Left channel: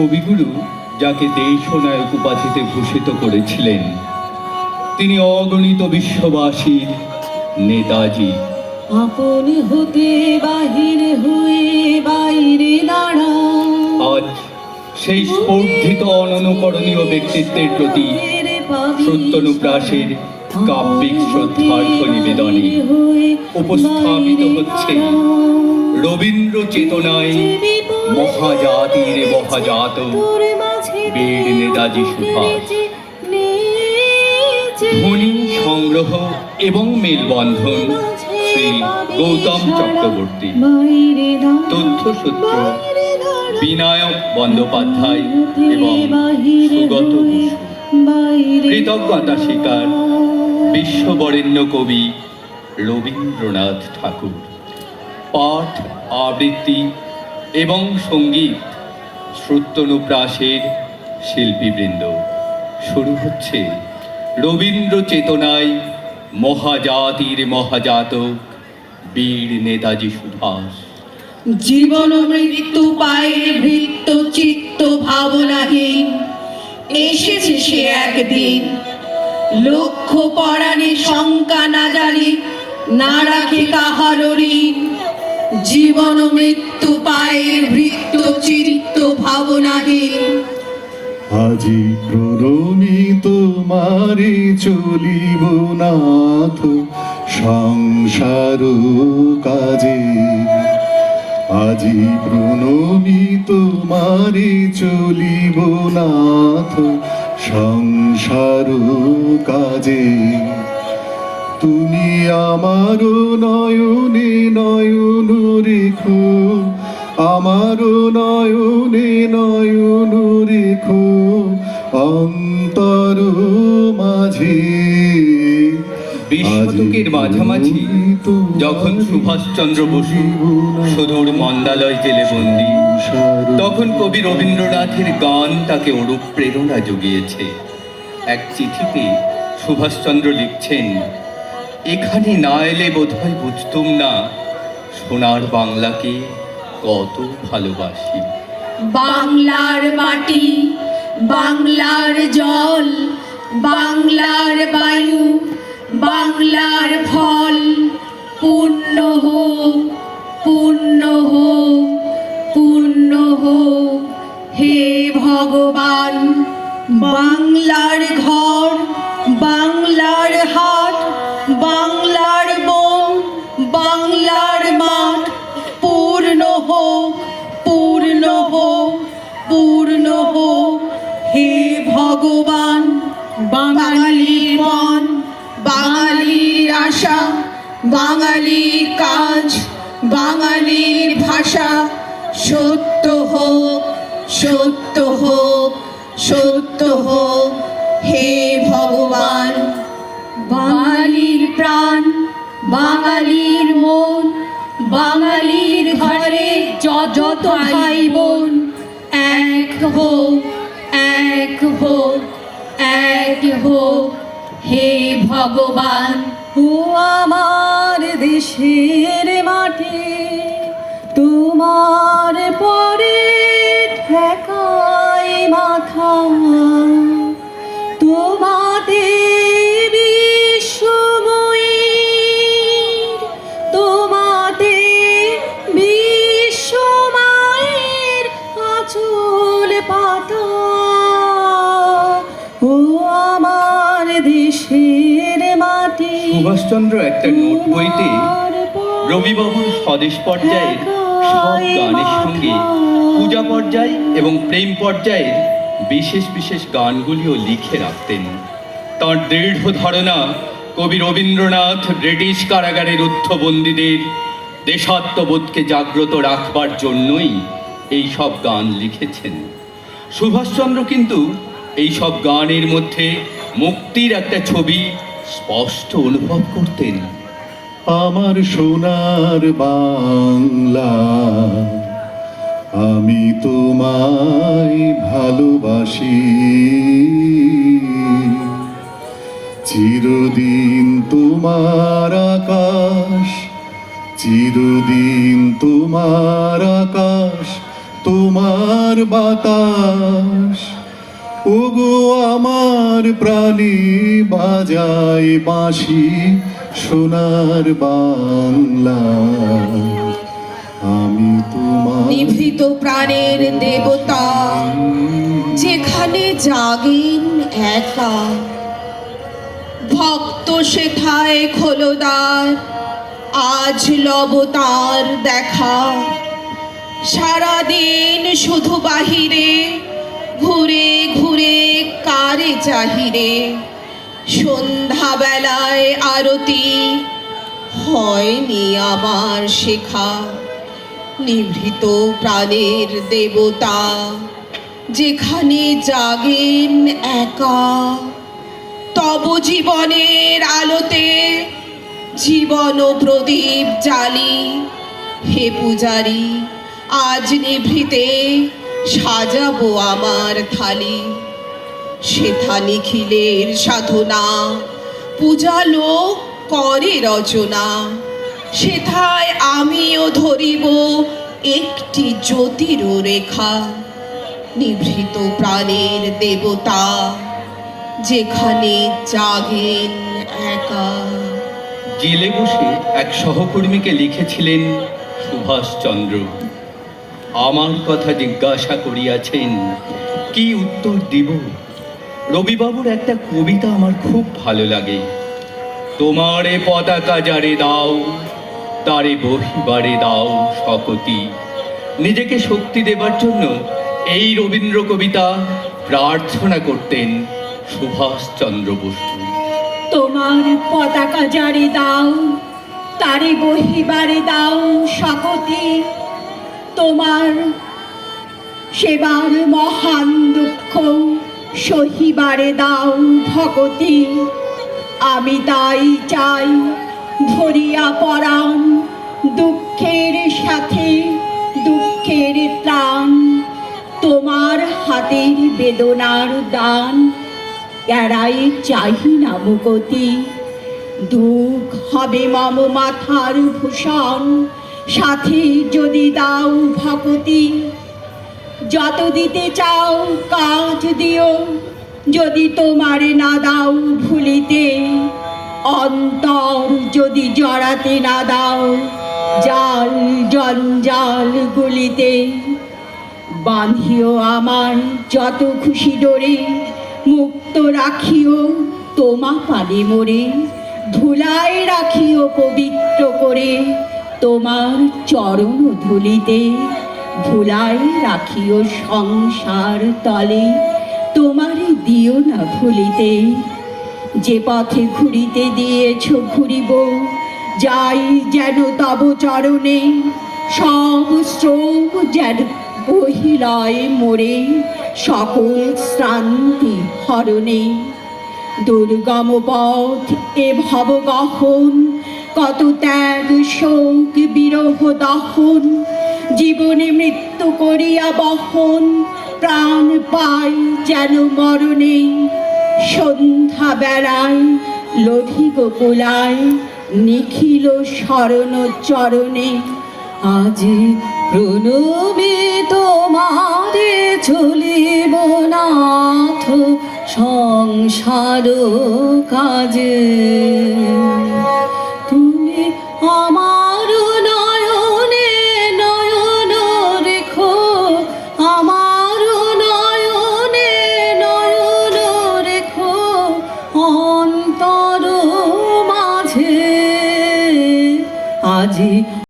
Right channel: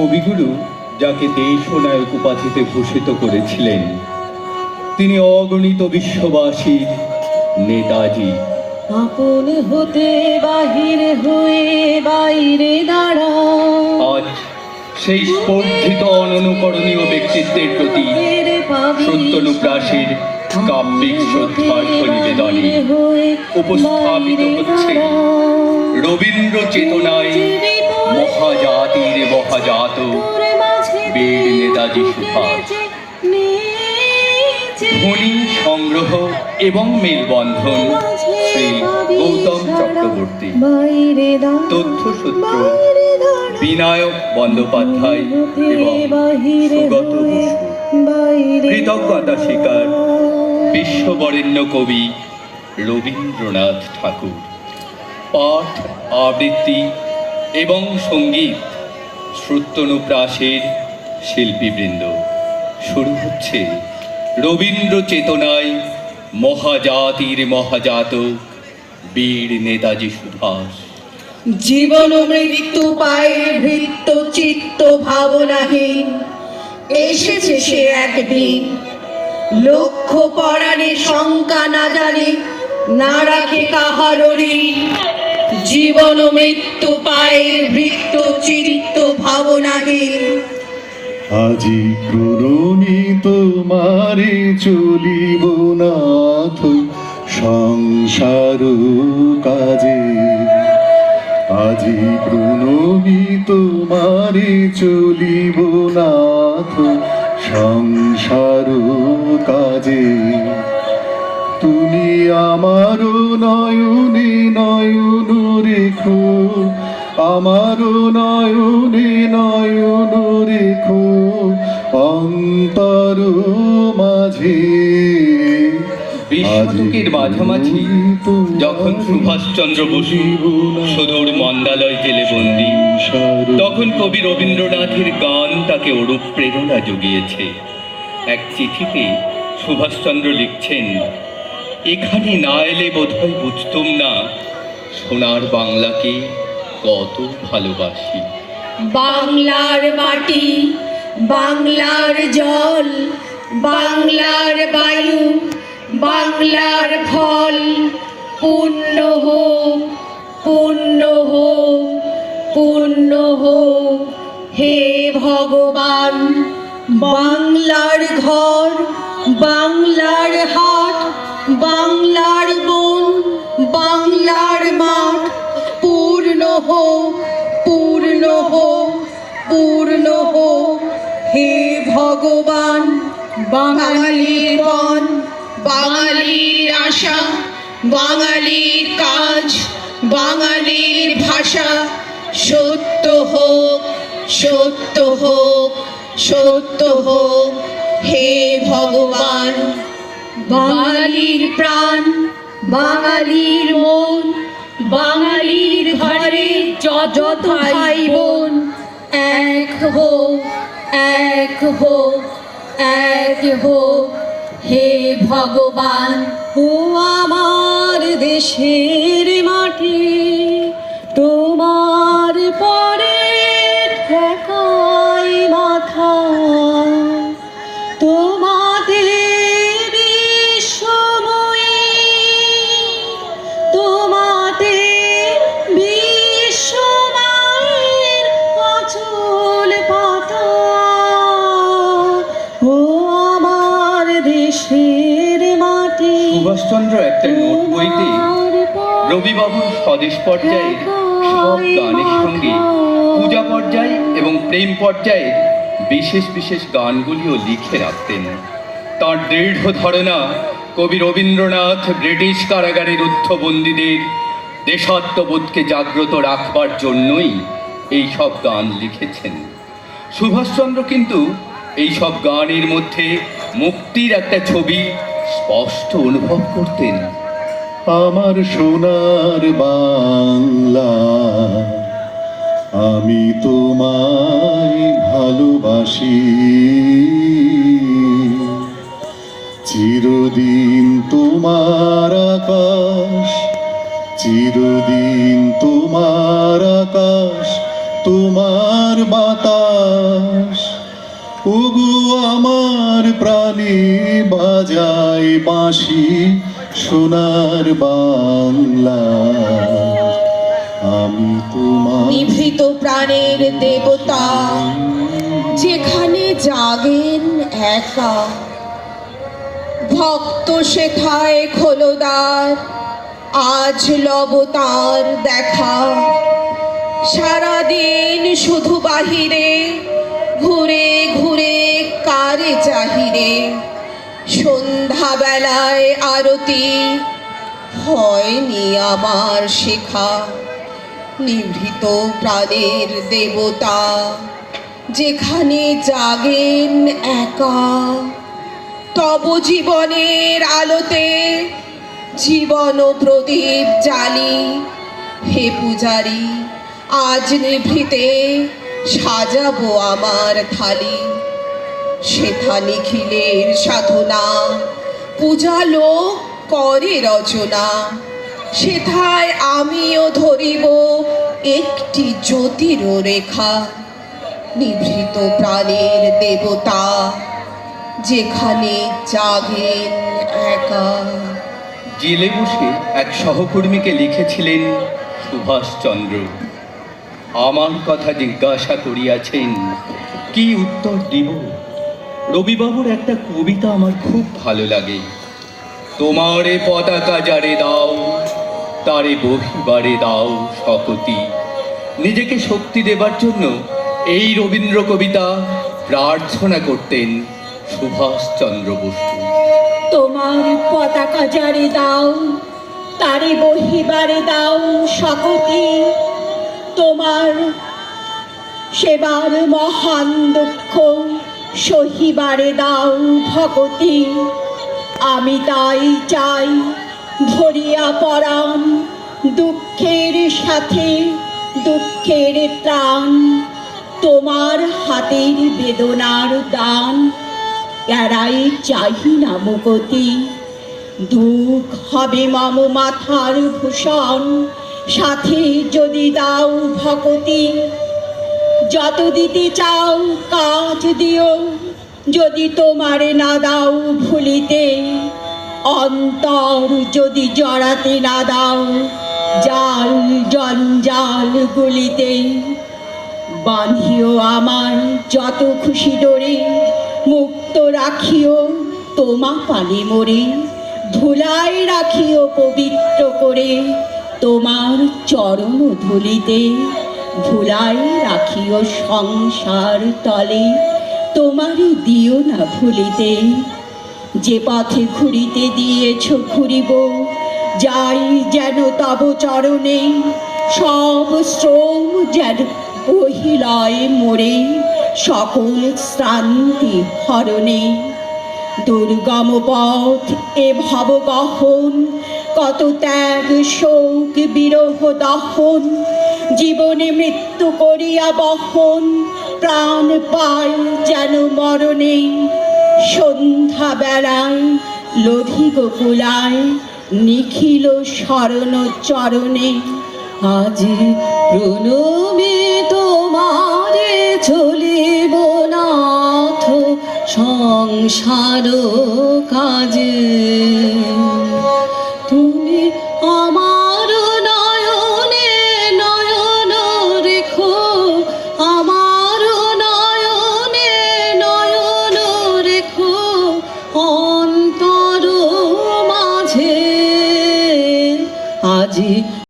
কবিগুরু যাকে দেশ ও নায়ক উপাধিতে ভূষিত করেছিলেন, তিনি অগণিত বিশ্ববাসীর নেতাজি। আপন হতে বাহির হয়ে বাইরে দাঁড়া, আজ সেই স্পর্ধিত অননুকরণীয় ব্যক্তিত্বের প্রতি সত্যানুপ্রাসের কাব্যিক শ্রদ্ধার্ঘ্য নিবেদনে উপস্থাপিত হচ্ছে রবীন্দ্র চেতনায় মহাজাতির মহাজাত বীর নেতাজি সুভাষ। ধ্বনি সংগ্রহ এবং মেলবন্ধন শ্রী গৌতম চক্রবর্তী। তথ্যসূত্র বিনায়ক বন্দ্যোপাধ্যায় এবং সুগত বসু। কৃতজ্ঞতা স্বীকার বিশ্ববরেণ্য কবি রবীন্দ্রনাথ ঠাকুর। পাঠ, আবৃত্তি এবং সঙ্গীত শ্রুত্যনুপ্রাসের শিল্পীবৃন্দ। শুরু হচ্ছে রবীন্দ্র চেতনায় মহাজাতির মহাজাতক বীর নেতাজি সুভাষ। জীবন মৃত্যু পায়ে বৃত্ত চিত্ত ভাবনাহীন এসেছে সে একদিন। লক্ষ্য পরাণে শঙ্কা না জানি, না রাখে কাহারও ঋণ। জীবন মৃত্যু পায়ে বৃত্ত চিত্ত ভাবনাহীন। আজি প্রণমি তোমারে চলিব নাথ সংসার কাজে। আজি প্রণমি তোমারে চলিব নাথ সংসার কাজে। তুমি আমার নয়নে নয়ন রেখো, আমার নয়নে নয়ন রেখো অন্তর মাঝে। বিশ শতকের মাঝামাঝি যখন সুভাষচন্দ্র বসু সুদূর মন্দালয় জেলে বন্দী, তখন কবি রবীন্দ্রনাথের গান তাকে ওরূপ প্রেরণা জুগিয়েছে। এক চিঠিতে সুভাষচন্দ্র লিখছেন, এখানে না এলে বোধহয় বুঝতুম না সোনার বাংলাকে কত ভালোবাসি। বাংলার মাটি, বাংলার জল, বাংলার বায়ু, বাংলার ফল পূর্ণ হোক, পূর্ণ হোক, পূর্ণ হোক হে ভগবান। বাংলার ঘর, বাংলার হাট, বাংলার বন, বাংলার মাঠ পূর্ণ হোক, পূর্ণ হোক, পূর্ণ হোক হে ভগবান। বাঙালির মন, বাঙালির আশা, বাঙালির কাজ, বাঙালির ভাষা সত্য হোক, সত্য হোক, সত্য হোক হে ভগবান। বাঙালির প্রাণ, বাঙালির মন, বাঙালির ঘরে যত ভাই বোন এক হোক, এক হোক, এক হোক হে ভগবান। ও আমার দেশের মাটি, তোমার পরে ঠেকাই মাথা। তোমাদের বিশ্বময়ী, তোমাদের বিশ্বমায়ের আঁচল পাতা। ও আমার দেশের মাটি। সুভাষচন্দ্র একটা নোট বইতে রবিবাবুর স্বদেশ পর্যায়ে সব গানের সঙ্গে পূজা পর্যায় এবং প্রেম পর্যায়ে বিশেষ বিশেষ গানগুলিও লিখে রাখতেন। তাঁর দৃঢ় ধারণা কবি রবীন্দ্রনাথ ব্রিটিশ কারাগারের রুদ্ধবন্দীদের দেশাত্মবোধকে জাগ্রত রাখবার জন্যই এই সব গান লিখেছেন। সুভাষচন্দ্র কিন্তু এই সব গানের মধ্যে মুক্তির একটা ছবি স্পষ্ট অনুভব করতেন। আমার সোনার বাংলা, আমি তোমায় ভালোবাসি। চিরদিন তোমার আকাশ, চিরদিন তোমার আকাশ, তোমার বাতাস, ওগো আমার প্রাণে বাজায় বাঁশি সোনার বাংলা। আমি তোমার নিভৃত প্রাণের দেবতা, যেখানে জাগেন একা, ভক্ত সেথায় খোলদার, আজ লব তার দেখা। সারাদিন শুধু বাহিরে, ঘুরে ঘুরে কারে চাহিরে। সন্ধ্যাবেলায় আরতি হয়নি আমার শেখা। নিভৃত প্রাণের দেবতা, যেখানে জাগেন একা, তব জীবনের আলোতে জীবন প্রদীপ জ্বালি। হে পূজারি, আজ নিভৃতে সাজাবো আমার থালি। সেথা নিখিলের সাধনা, পূজা লোক করে রচনা। সেথায় আমিও ধরিব একটি জ্যোতির রেখা। নিভৃত প্রাণের দেবতা, যেখানে জাগেন একা। জেলে বসে এক সহকর্মীকে লিখেছিলেন সুভাষচন্দ্র। আমার কথা জিজ্ঞাসা করিয়াছেন, কি উত্তর দিব? রবিবাবুর একটা কবিতা আমার খুব ভালো লাগে। তোমারে পতাকা যারে দাও, তারে বহিবারে দাও শকতি। নিজেকে শক্তি দেবার জন্য এই রবীন্দ্র কবিতা প্রার্থনা করতেন সুভাষচন্দ্র বসু। তোমার পতাকা যারে দাও, তারে বহিবারে দাও শকতি। তোমার সেবার মহান দুঃখ সহিবারে দাও ভকতি। আমি তাই চাই ধরিয়া পরাণ, দুঃখের সাথে দুঃখের ত্রাণ। তোমার হাতের বেদনার দান, এরাই চাহি না মুকতি। দুঃখ হবে মম মাথার ভূষণ, সাথে যদি দাও ভকতি। যত দিতে চাও কাজ দিও, যদি তোমারে না দাও ভুলিতে। অন্তর যদি জড়াতে না দাও জাল জঞ্জাল গুলিতে। বাঁধিও আমার যত খুশি ডোরে, মুক্ত রাখিও তোমা পালে মোরে। ধুলায় রাখিও পবিত্র করে তোমার চরণ ধুলিতে। ভুলায় রাখিও সংসার তলে, তোমারে দিও না ভুলিতে। যে পথে ঘুরিতে দিয়েছ ঘুরিব, যাই যেন তব চরণে। সব শ্রম যেন বহিলয় মোরে, সকল শ্রান্তি হরণে। দুর্গম পথ এ ভব গহন, কত ত্যাগ শোক বিরহ দহন। জীবনে মৃত্যু করিয়া বহন, প্রাণ পাই যেন মরণে। সন্ধ্যা বেলায় লোধি গোকুলায়, নিখিল শরণ চরণে। আজ প্রণমে তোমারে চলিব নাথ সংসার কাজে। তুমি আমার নয়নে নয়ন রেখো, আমার নয়নে নয়ন রেখো অন্তর মাঝে। আজি